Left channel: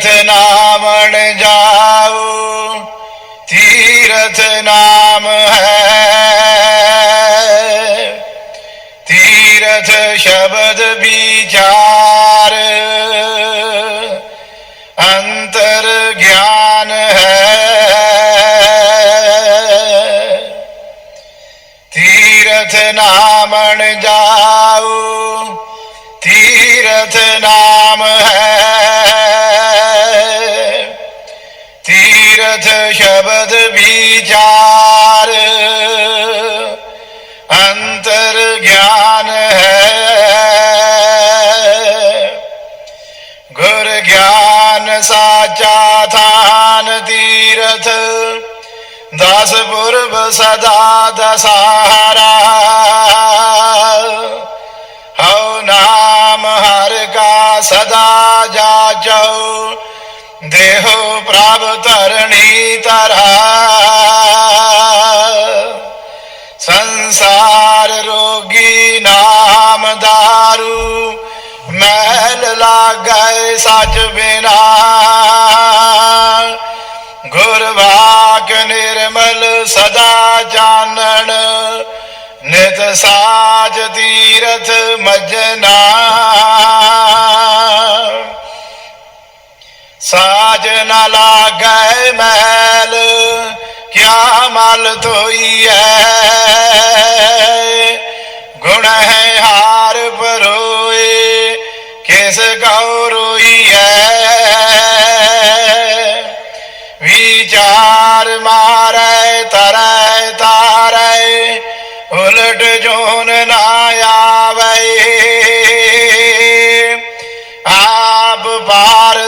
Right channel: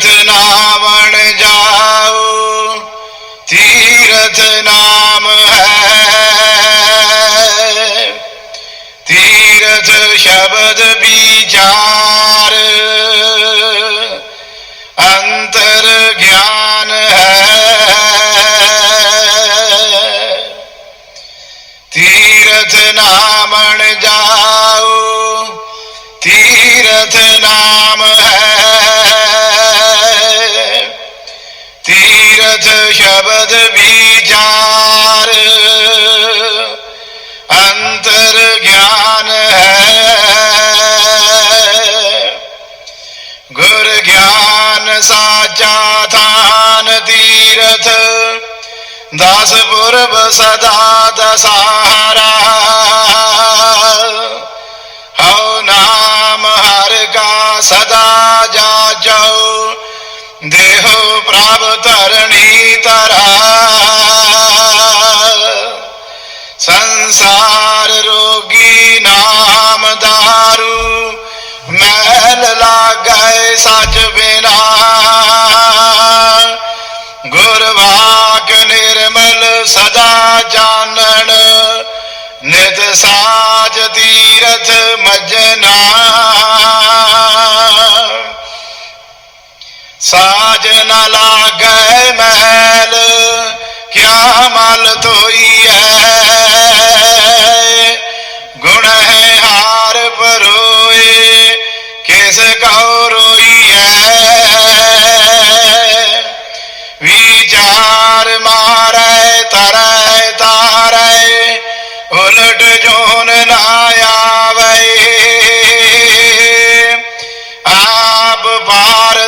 ਤੀਰਥ ਨਾਮਣ ਜਾਉ ਤੀਰਥ ਨਾਮ ਹੈ। ਤੀਰਥ ਸ਼ਬਦ ਵਿਚਾਰ। ਅੰਤਰ ਗਿਆਨ ਹੈ। ਤੀਰਥ ਨਾਮਣ ਜਾਉ ਸ਼ਬਦ ਵਿਚਾਰ ਅੰਤਰ ਗਿਆਨ ਹੈ। ਗੁਰ ਗਿਆਨ ਸਾਚਾ ਥਾਨ ਤੀਰਥ, ਦਸ ਪੁਰਬ ਸਦਾ ਦਸਾਰਾ ਹਉ ਨਾਮ ਹਰ ਕਾ ਸਦਾ ਜਾਚਉ ਦੇਹੋ ਪ੍ਰਾਪਤ ਸੰਸਾਰ ਰੋਗੀ ਨਾਮ ਦਾਰੂ, ਮਹਿਲ ਲਾਗੈ ਸਚ ਬਿਨਾ। ਗੁਰਵਾਕ ਨਿਰਮਲ ਸਦਾ ਜਾਣਨ, ਨਿਤ ਸਾਜ ਤੀਰਥ ਮਜਨਾ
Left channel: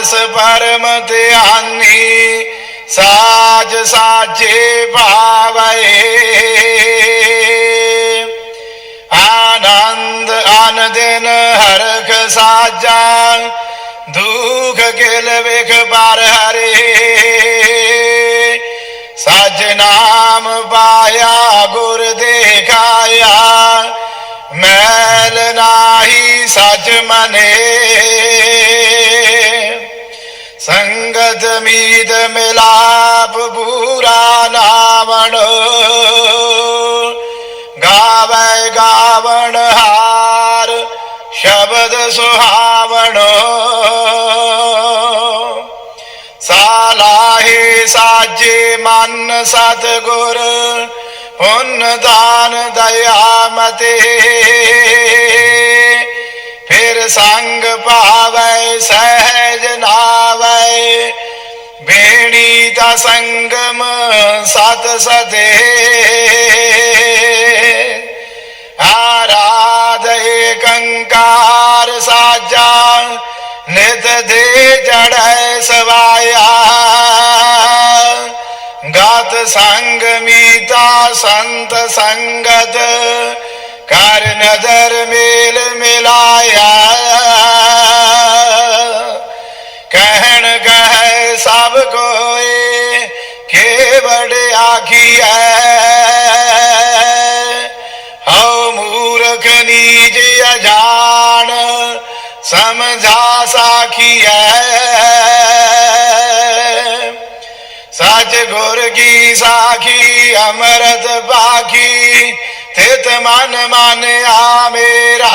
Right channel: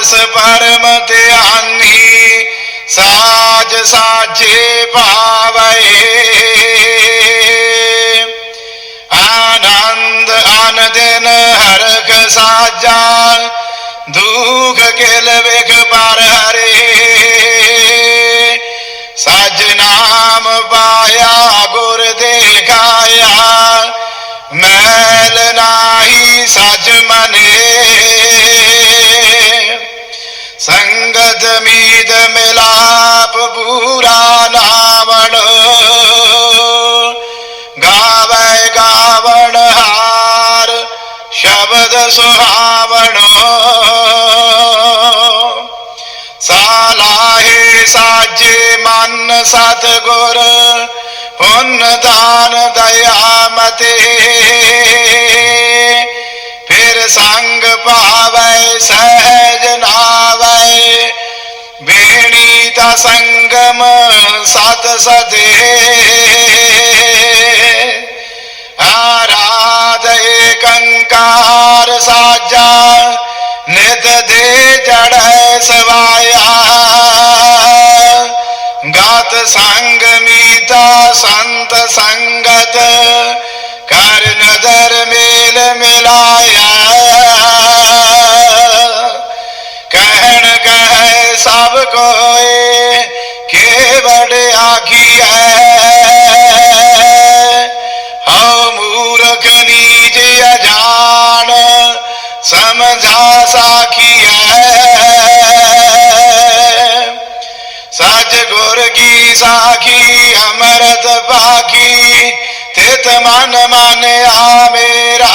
ਪਾਰਸ ਪਰਮ ਧਿਆਨੀ ਸਾਜ ਸਾਜੇ ਭਾਵੇ ਆਨੰਦ ਅਨ ਦਿਨ ਹਰਖ ਸਾਜਾ ਦੁਖ ਕਿਲ ਵਿਖ ਪਰ ਹਰੇ। ਸਜ ਨਾਮ ਪਾਇਆ, ਗੁਰ ਦੇਖਾਇਆ, ਮੈਲ ਨਾਹੀ ਸਚ ਮਨੇ। ਸੰਗਤ ਮਿਲਾਪ ਪੂਰਾ ਲਾਵਣ। ਗਾਵੇ ਗਾਵਣ ਹਾਰ, ਸ਼ਬਦ ਸੁਹਾਵਣ। ਸਾਲਾਹੇ ਸਾਜੇ ਮਨ ਸਤਗੁਰ, ਪੁੰਨ ਦਾਨ ਦਇਆ। ਸਤ ਸਦੇ। ਆਰਾਧ ਏਕੰਕਾਰ ਸਾਜਾ, ਨਿਤ ਦੇ ਜੜੈ ਸਵਾਇਆ। ਗਾਤ ਸੰਗ ਮੀਤਾ ਸੰਤ ਸੰਗਤ, ਕਰ ਨਦਰ ਮੇਲ। सच गुर की साखी अमरत बाखी तेत मन मन आ मेरा।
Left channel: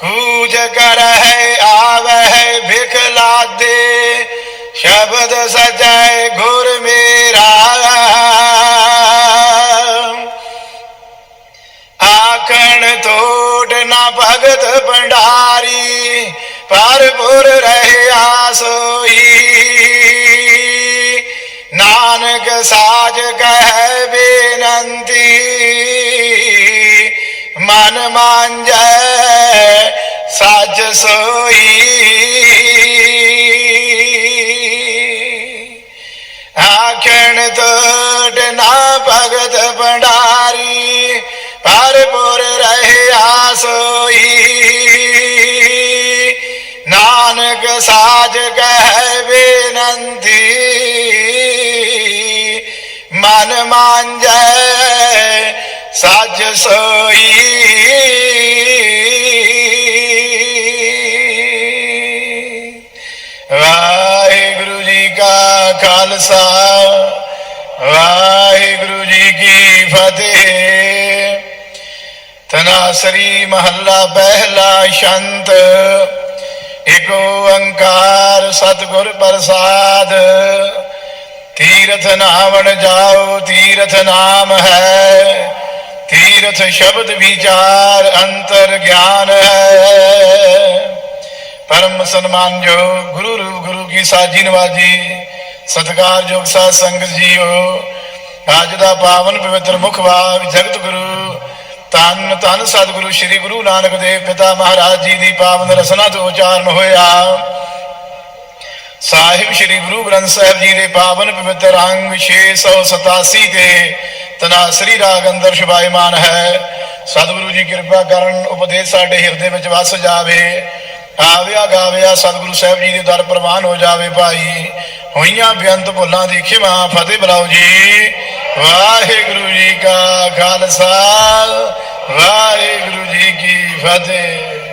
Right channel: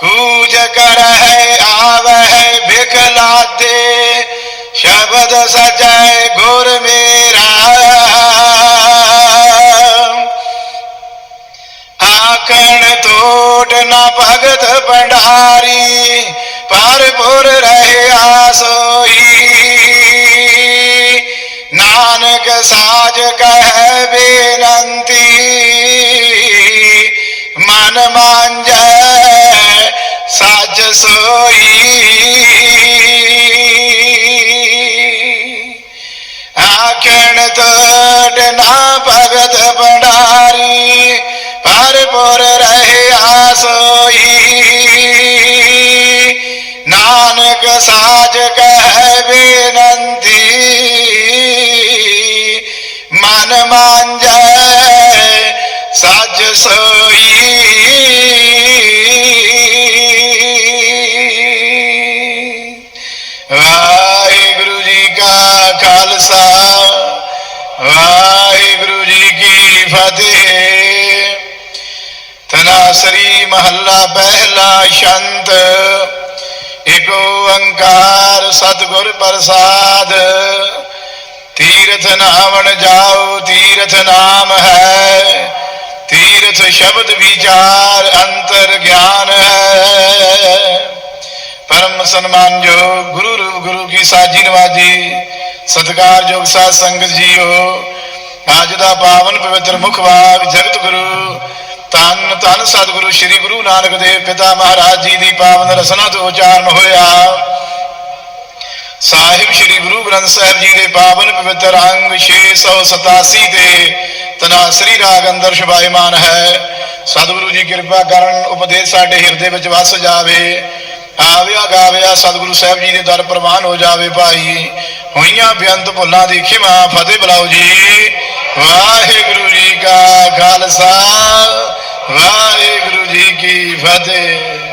कूज कर है, आव है भिखला दे, शब्द सजाए गुर मेरा। आकण तोट न भगत भंडारी, पर रहे आसोई ਨਾਨਕ ਸਾਜ ਕਹਿ ਬੇਨੰਤੀ। ਮਨ ਮੰਜੈ ਸਾਜ ਸੋਈ ਤਨਾਸਰੀ ਮਹੱਲਾ ਪਹਿਲਾ ਸ਼ੰਤ। ਏਕ ਓੰਕਾਰ ਸਤਿਗੁਰ ਪ੍ਰਸਾਦ। ਤੀਰਥ ਨਾਵਣ ਜਾਓ, ਤੀਰਥ ਨਾਮ ਹੈ। ਤੀਰਥ ਸ਼ਬਦ ਵਿਚਾਰ ਅੰਤਰ ਗਿਆਨ ਹੈ। ਪਰਮ ਸਨਮਾਨ ਜੋ ਗੁਰੂ ਰੂਪ, ਗੁਰੂ ਕੀ ਸਾਜੀ ਨਵਾਜੀ ਸਤਿਕਾਰਯੋਗ ਸਾਧ ਸੰਗਤ ਜੀਓ। ਅੱਜ ਦਾ ਪਾਵਨ ਪਵਿੱਤਰ ਮੁਖ ਵਾਗ ਜਗਤ ਗੁਰੂ। ਤਨ ਤਨ ਸਤਿਗੁਰੂ ਸ੍ਰੀ ਗੁਰੂ ਨਾਨਕ ਦੇਵ ਪਿਤਾ ਮਹਾਰਾਜ ਜੀ ਦੀ ਪਾਵਨ ਰਸਨਾ ਤੋਂ ਉਚਾਰਨ ਹੋਇਆ। ਸਾਹਿਬ ਸ੍ਰੀ ਗੁਰੂ ਗ੍ਰੰਥ ਸਾਹਿਬ ਜੀ ਦੇ ਪਾਵਨ ਪਵਿੱਤਰ ਅੰਗ 687 ਦੇ ਤਨਾਸਰੀ ਰਾਗ ਅੰਦਰ ਸ਼ੁਭਾਇਮਾਨ ਹੈ। ਸਤਿਗੁਰੂ ਜੀ ਕਿਰਪਾ ਕਰਨ ਉਪਦੇਸ਼ ਸਾਡੇ ਹਿਰਦੇ ਵਿੱਚ ਵਸ ਜਾਵੇ। ਆਵਿਆ ਗਾਵਿਆ ਸਤਿਗੁਰੂ ਸਾਹਿਬ ਜੀ ਦੇ ਦਰ ਪ੍ਰਵਾਨ ਹੋ ਜਾਵੇ ਭਾਈ। ਹੋਈਆਂ ਬੇਅੰਤ ਭੁੱਲਾਂ ਦੀ ਖਿਮਾ ਫਤਿਹ ਬੁਲਾਓ ਜੀ। ਵਾਹਿਗੁਰੂ ਜੀ ਕਾ ਖਾਲਸਾ। ਵਾਹਿਗੁਰੂ ਜੀ ਕੀ ਫਤਿਹ।